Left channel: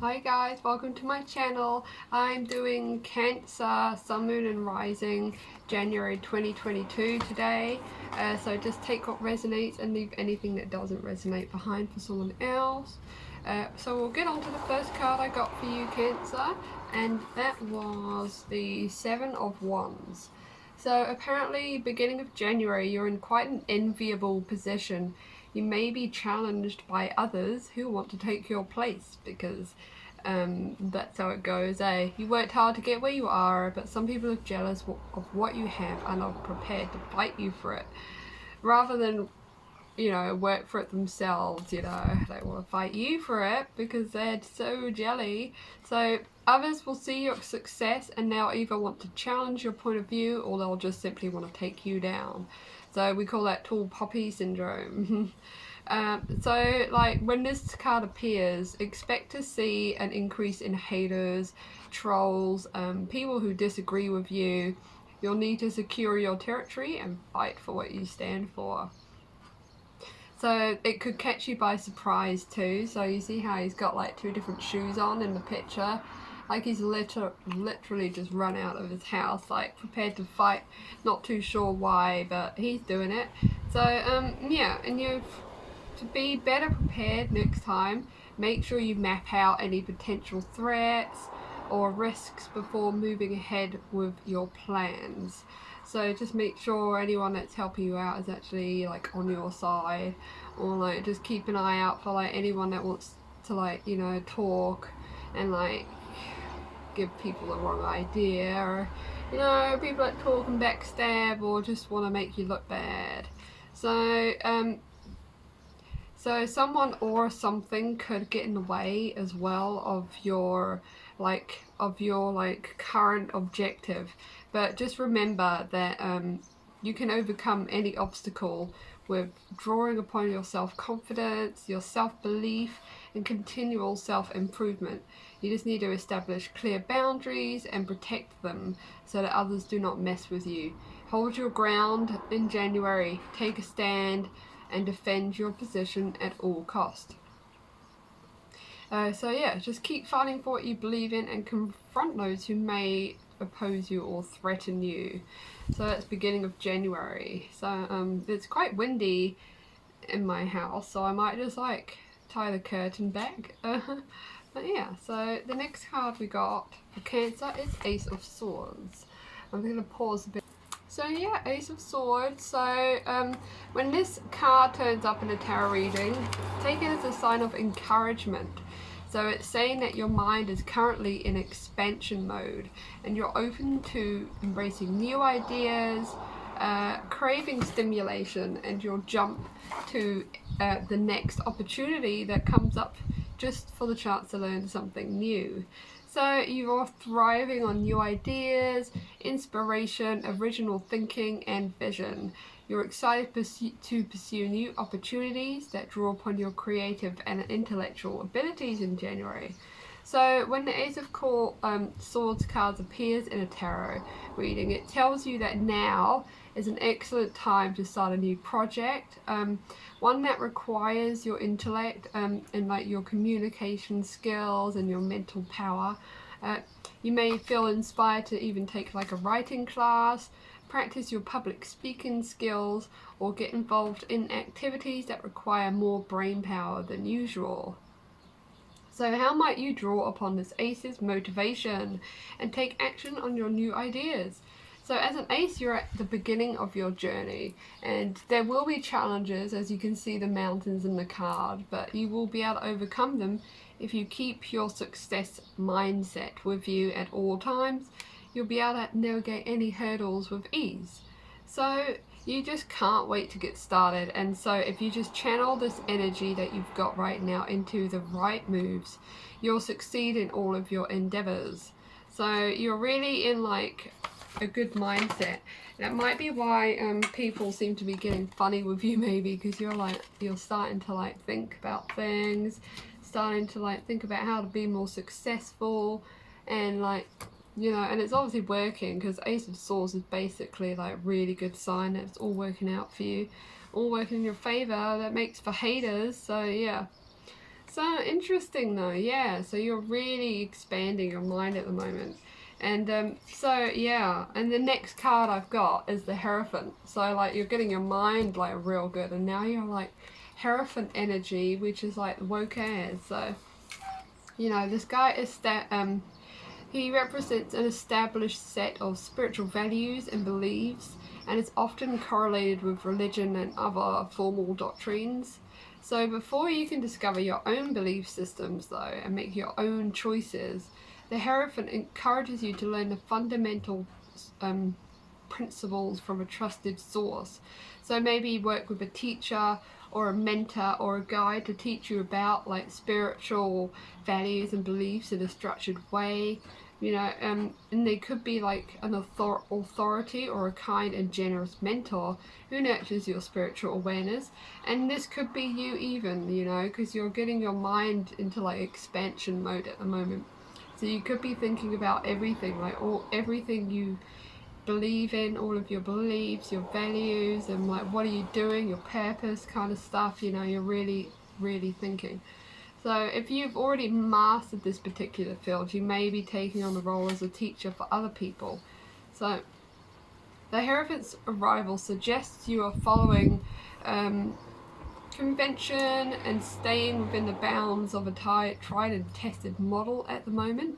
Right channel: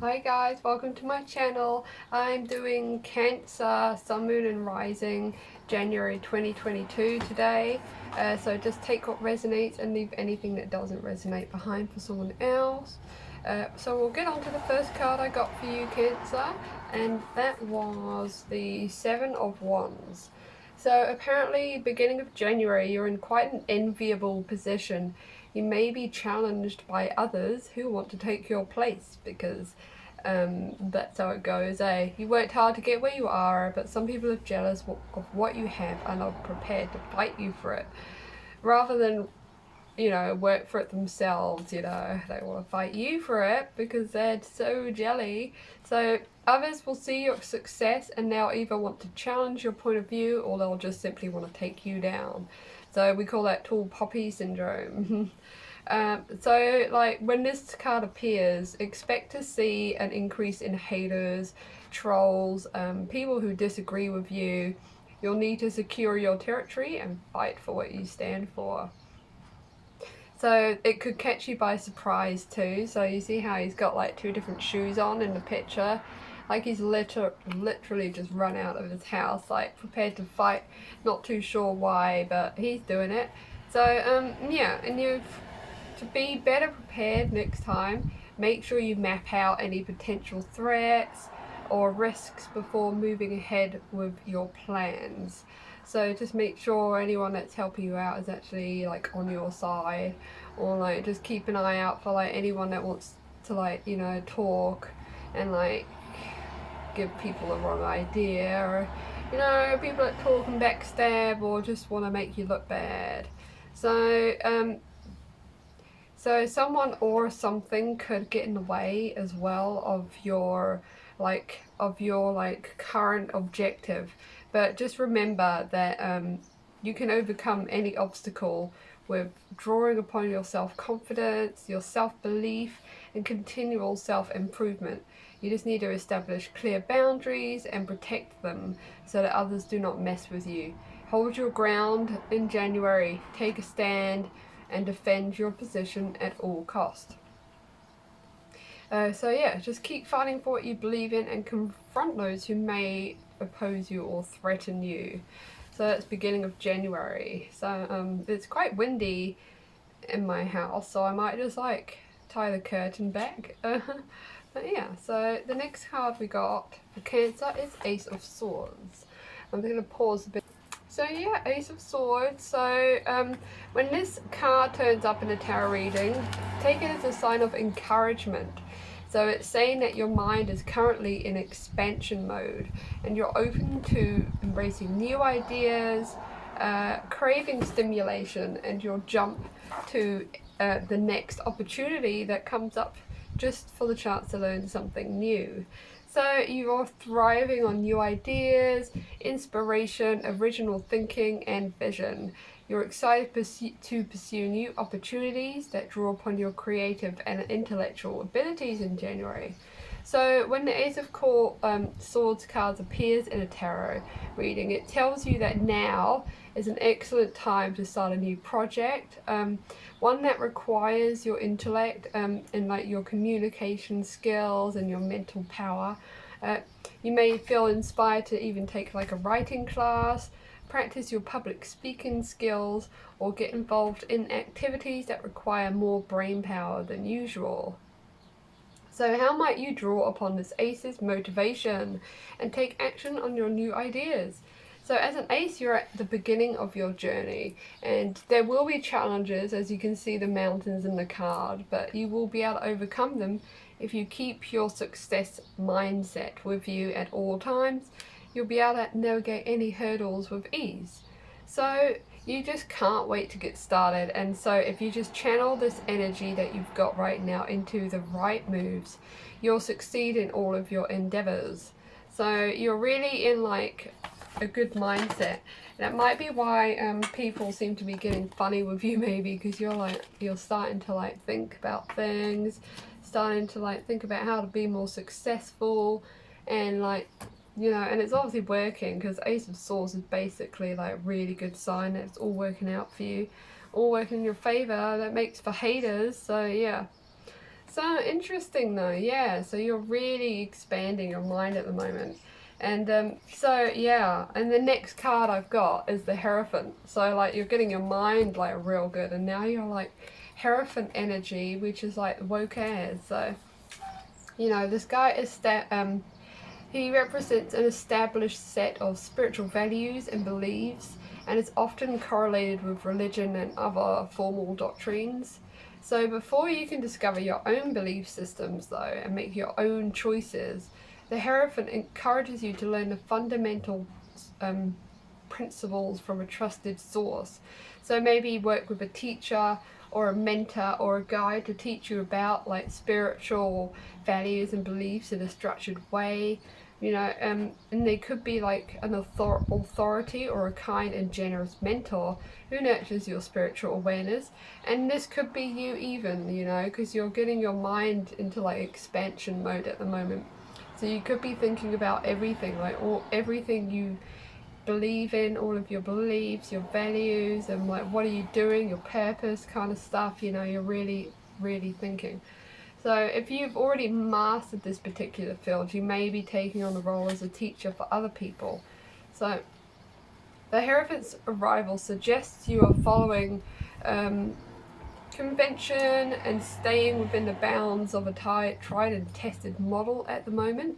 Hi guys, welcome to my channel. I'm doing Cancer, Sun, Moon and Rising, January 2022 today. So just take what resonates and leave anything that doesn't resonate behind for someone else. So we'll get on to the first card I got for you, Cancer, and that was the Seven of Wands. So apparently, beginning of January, you're in quite an enviable position. You may be challenged by others who want to take your place because that's how it goes, eh? You worked hard to get where you are, but some people are jealous of what you have and are prepared to fight you for it. Rather than, work for it themselves, they want to fight you for it because they're so jelly. So others will see your success and they'll either want to challenge your point of view or they'll just simply want to take you down. So we call that tall poppy syndrome. So like when this card appears, expect to see an increase in haters, trolls, people who disagree with you. You'll need to secure your territory and fight for what you stand for. So it could catch you by surprise too. So you see how he's got like two different shoes on in the picture. Like he's literally just run out of his house, like prepared to fight. Not too sure why, but he's doing it. So yeah, and to be better prepared next time, make sure you map out any potential threats or risks before moving ahead with your plans. So just make sure anyone that's helping you out is actually like on your side, or like just keep an eye out for like anyone that wants to talk and like give people the wrong idea, or people that talk and backstab or just want to make you look bad. So someone or something could get in the way as well of your current objective. But just remember that you can overcome any obstacle with drawing upon your self-confidence, your self-belief, and continual self-improvement. You just need to establish clear boundaries and protect them so that others do not mess with you. Hold your ground in January, take a stand, and defend your position at all cost. So yeah, just keep fighting for what you believe in and confront those who may oppose you or threaten you. So that's beginning of January. So it's quite windy in my house, so I might just like tie the curtain back. But yeah, so the next card we got for Cancer is Ace of Swords. I'm going to pause a bit. So yeah, Ace of Swords. So when this card turns up in a tarot reading, take it as a sign of encouragement. So it's saying that your mind is currently in expansion mode and you're open to embracing new ideas, craving stimulation, and you'll jump to the next opportunity that comes up just for the chance to learn something new. So you're thriving on new ideas, inspiration, original thinking, and vision. You're excited to pursue new opportunities that draw upon your creative and intellectual abilities in January. So when the Ace of Swords cards appears in a tarot reading, it tells you that now is an excellent time to start a new project, one that requires your intellect and like your communication skills and your mental power. You may feel inspired to even take like a writing class, practice your public speaking skills, or get involved in activities that require more brain power than usual. So how might you draw upon this Ace's motivation and take action on your new ideas? So as an Ace, you're at the beginning of your journey and there will be challenges, as you can see the mountains in the card, but you will be able to overcome them if you keep your success mindset with you at all times. You'll be able to navigate any hurdles with ease. So you just can't wait to get started, and so if you just channel this energy that you've got right now into the right moves, you'll succeed in all of your endeavors. So you're really in like a good mindset. That might be why people seem to be getting funny with you, maybe because you're starting to like think about things, starting to like think about how to be more successful, and like and it's obviously working because Ace of Swords is basically like a really good sign that it's all working out for you, all working in your favor. That makes for haters. So yeah. So interesting though, yeah. So you're really expanding your mind at the moment. And so yeah, and the next card I've got is the Hierophant. So like you're getting your mind like real good, and now you're like Hierophant energy, which is like woke as. So you know this guy is he represents an established set of spiritual values and beliefs, and is often correlated with religion and other formal doctrines. So, before you can discover your own belief systems, though, and make your own choices, the Hierophant encourages you to learn the fundamental um, principles from a trusted source. So, maybe work with a teacher or a mentor or a guide to teach you about like spiritual values and beliefs in a structured way, you know, and they could be like an authority or a kind and generous mentor who nurtures your spiritual awareness. And this could be you even, you know, because you're getting your mind into like expansion mode at the moment. So you could be thinking about everything, like everything you believe in, all of your beliefs, your values, and like what are you doing, your purpose kind of stuff, you know, you're really, really thinking. So if you've already mastered this particular field, you may be taking on the role as a teacher for other people. So the Hierophant's arrival suggests you are following convention and staying within the bounds of a tried and tested model at the moment.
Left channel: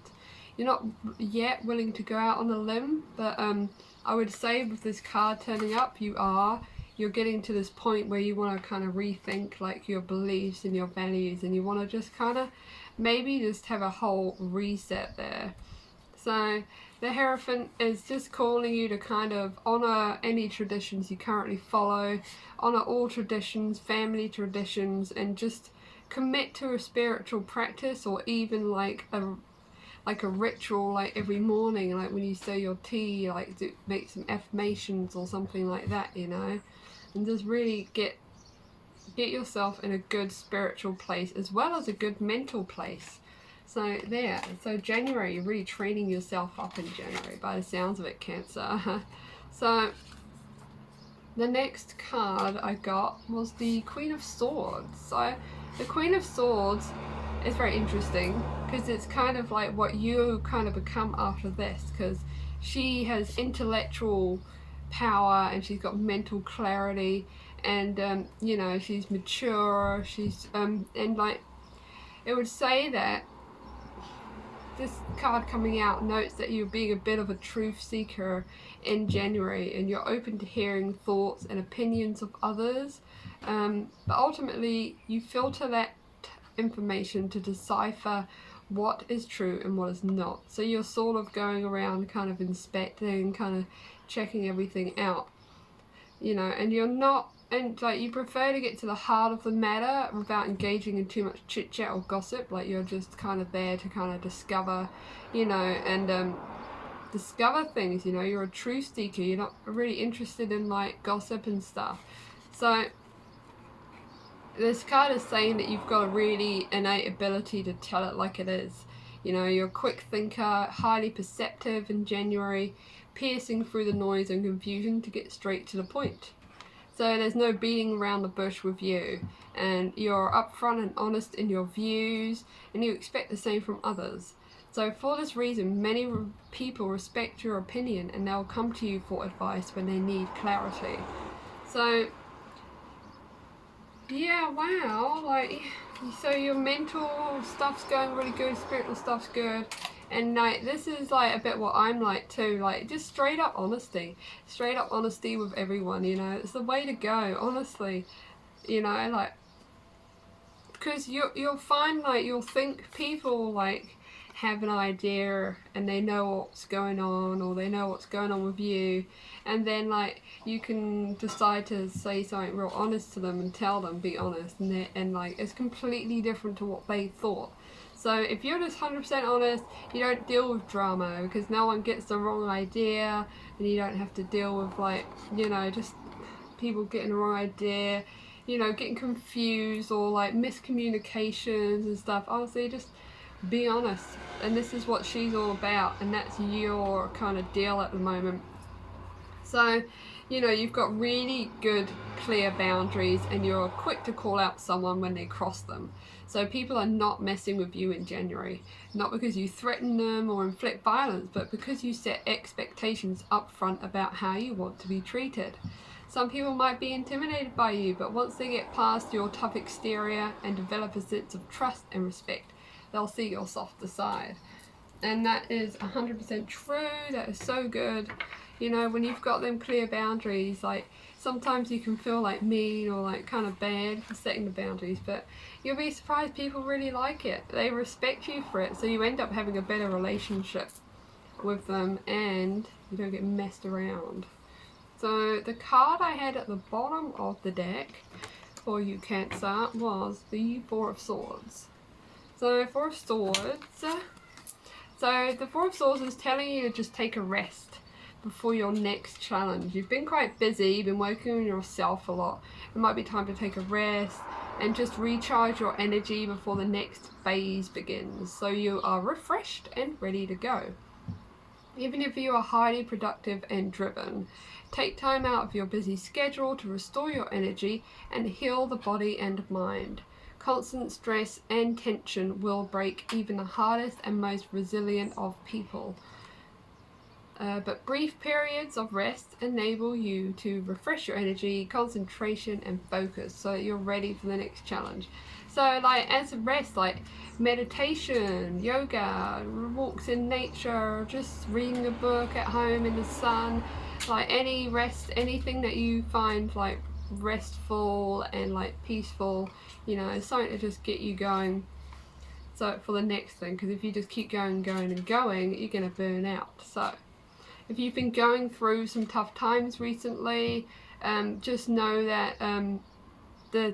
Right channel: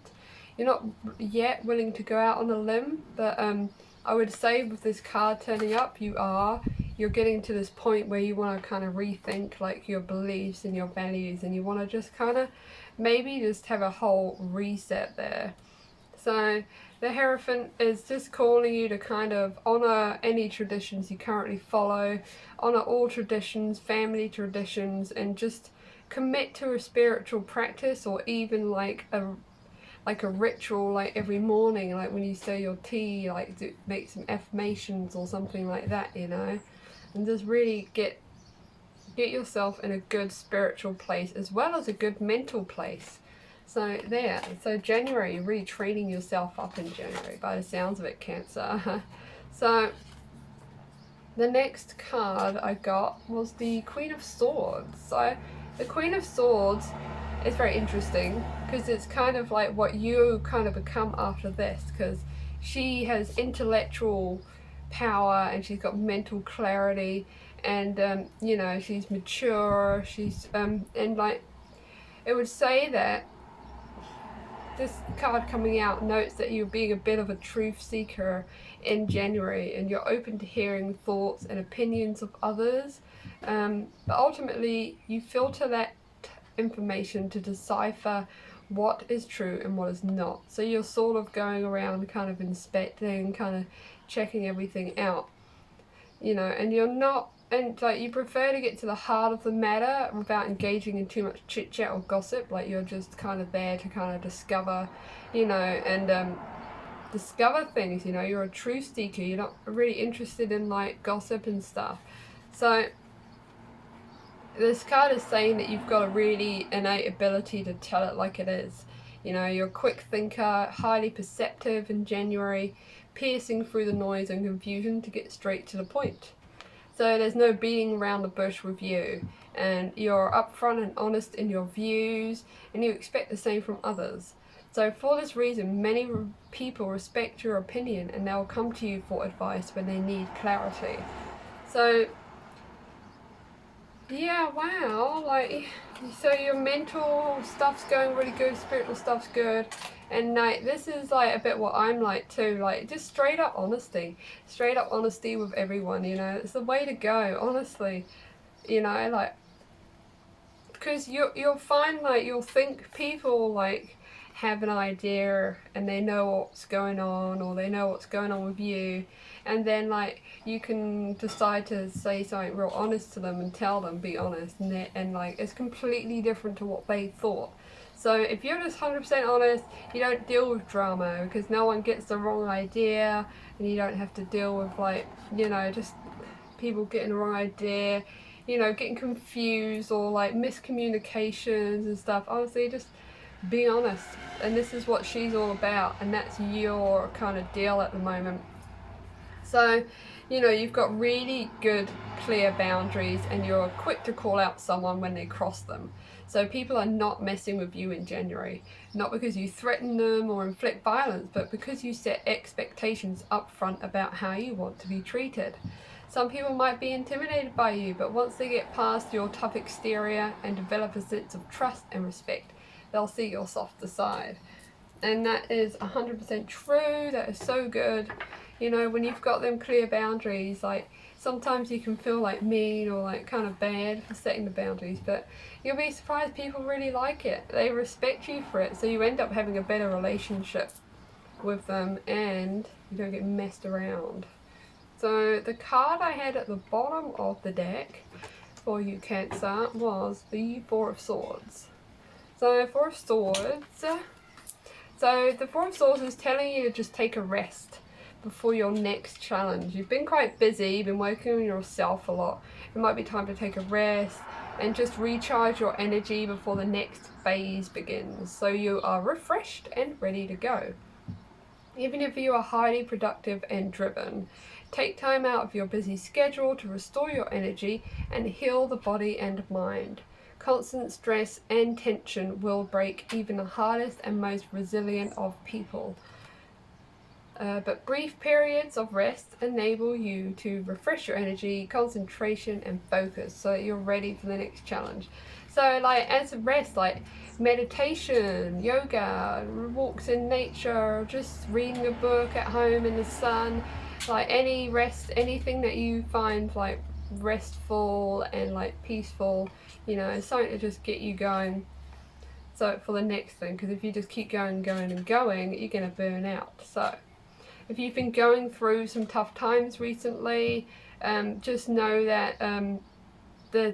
You're not yet willing to go out on a limb, but I would say with this card turning up, you're getting to this point where you want to kind of rethink like your beliefs and your values, and you want to just kind of maybe just have a whole reset there. So the Hierophant is just calling you to kind of honor any traditions you currently follow, honor all traditions, family traditions, and just commit to a spiritual practice, or even like a ritual, like every morning, like when you say your tea, like make some affirmations or something like that, you know, and just really get yourself in a good spiritual place as well as a good mental place. So there, so January, you're really training yourself up in January by the sounds of it, Cancer. So the next card I got was the Queen of Swords. So the Queen of Swords is very interesting because it's kind of like what you kind of become after this, because she has intellectual power and she's got mental clarity, and you know, she's mature, she's and like it would say that this card coming out notes that you're being a bit of a truth seeker in January, and you're open to hearing thoughts and opinions of others, but ultimately you filter that information to decipher what is true and what is not. So you're sort of going around kind of inspecting, kind of checking everything out, you know, and you're not, and like you prefer to get to the heart of the matter without engaging in too much chit chat or gossip. Like you're just kind of there to kind of discover, you know, and discover things, you know. You're a truth seeker, you're not really interested in like gossip and stuff. So this card is saying that you've got a really innate ability to tell it like it is. You know, you're a quick thinker, highly perceptive in January, piercing through the noise and confusion to get straight to the point. So there's no beating around the bush with you, and you're upfront and honest in your views, and you expect the same from others. So for this reason, many people respect your opinion, and they'll come to you for advice when they need clarity. So yeah, wow, like, so your mental stuff's going really good, spiritual stuff's good, and like this is like a bit what I'm like too, like just straight up honesty with everyone, you know. It's the way to go, honestly, you know, like, because you'll find like you'll think people like have an idea and they know what's going on, or they know what's going on with you, and then like you can decide to say something real honest to them and tell them, be honest, and like it's completely different to what they thought. So if you're just 100% honest, you don't deal with drama because no one gets the wrong idea, and you don't have to deal with like, you know, just people getting the wrong idea, you know, getting confused or like miscommunications and stuff. Honestly, just be honest. And this is what she's all about, and that's your kind of deal at the moment. So, you know, you've got really good, clear boundaries, and you're quick to call out someone when they cross them. So people are not messing with you in January, not because you threaten them or inflict violence, but because you set expectations up front about how you want to be treated. Some people might be intimidated by you, but once they get past your tough exterior and develop a sense of trust and respect, they'll see your softer side. And that is 100% true. That is so good. You know, when you've got them clear boundaries, like sometimes you can feel like mean or like kind of bad for setting the boundaries, but you'll be surprised people really like it. They respect you for it, so you end up having a better relationship with them and you don't get messed around. So the card I had at the bottom of the deck for you, Cancer, was the Four of Swords. So Four of Swords. So the Four of Swords is telling you to just take a rest before your next challenge. You've been quite busy, you've been working on yourself a lot. It might be time to take a rest and just recharge your energy before the next phase begins, so you are refreshed and ready to go. Even if you are highly productive and driven, take time out of your busy schedule to restore your energy and heal the body and mind. Constant stress and tension will break even the hardest and most resilient of people. But brief periods of rest enable you to refresh your energy, concentration, and focus so that you're ready for the next challenge. So, like, as a rest, like meditation, yoga, walks in nature, just reading a book at home in the sun, like any rest, anything that you find like restful and like peaceful, you know, something to just get you going. So for the next thing, because if you just keep going, going, and going, you're gonna burn out. So if you've been going through some tough times recently, just know that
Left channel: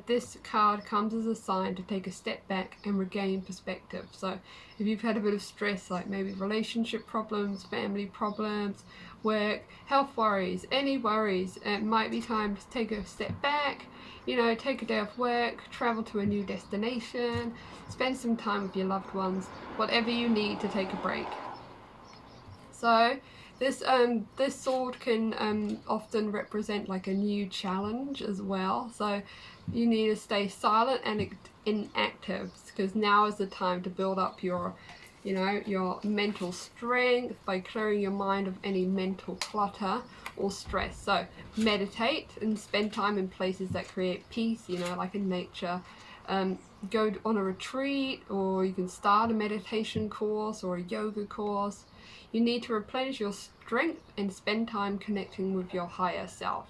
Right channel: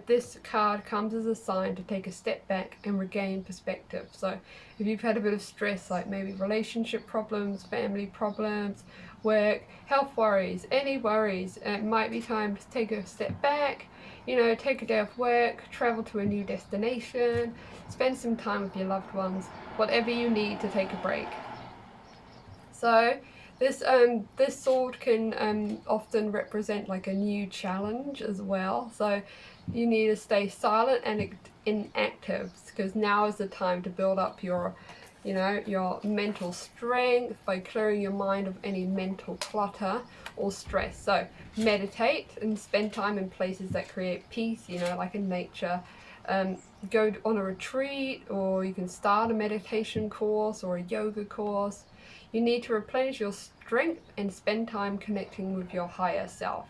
this card comes as a sign to take a step back and regain perspective. So if you've had a bit of stress, like maybe relationship problems, family problems, work, health worries, any worries, it might be time to take a step back, you know, take a day off work, travel to a new destination, spend some time with your loved ones, whatever you need to take a break. So this sword can often represent like a new challenge as well. So you need to stay silent and inactive, because now is the time to build up your, you know, your mental strength by clearing your mind of any mental clutter or stress. So meditate and spend time in places that create peace, you know, like in nature. Go on a retreat, or you can start a meditation course or a yoga course. You need to replenish your strength and spend time connecting with your higher self.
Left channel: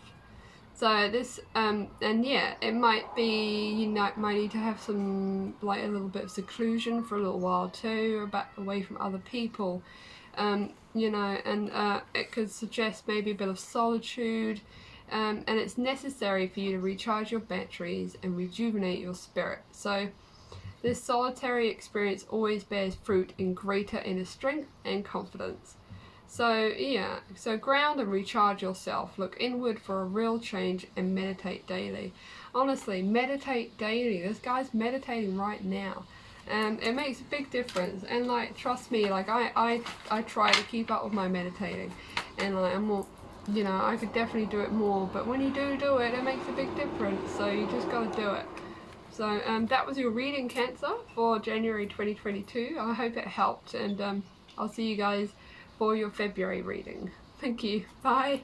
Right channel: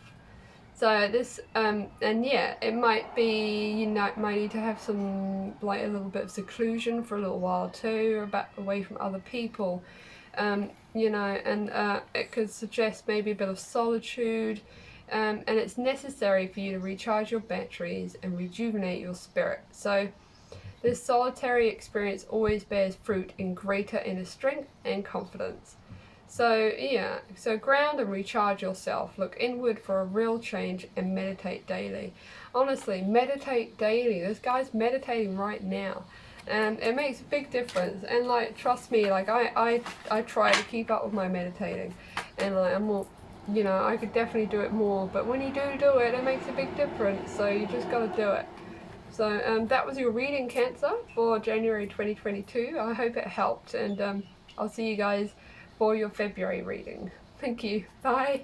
So this, and yeah, it might be, you know, might need to have some, like a little bit of seclusion for a little while too, away from other people, you know, and it could suggest maybe a bit of solitude, and it's necessary for you to recharge your batteries and rejuvenate your spirit. So this solitary experience always bears fruit in greater inner strength and confidence. So yeah, so ground and recharge yourself. Look inward for a real change and meditate daily. Honestly, meditate daily. This guy's meditating right now. And it makes a big difference. And like, trust me, like I try to keep up with my meditating. And like, I'm more, you know, I could definitely do it more. But when you do it, it makes a big difference. So you just gotta do it. So that was your reading, Cancer, for January 2022. I hope it helped, and I'll see you guys for your February reading. Thank you. Bye.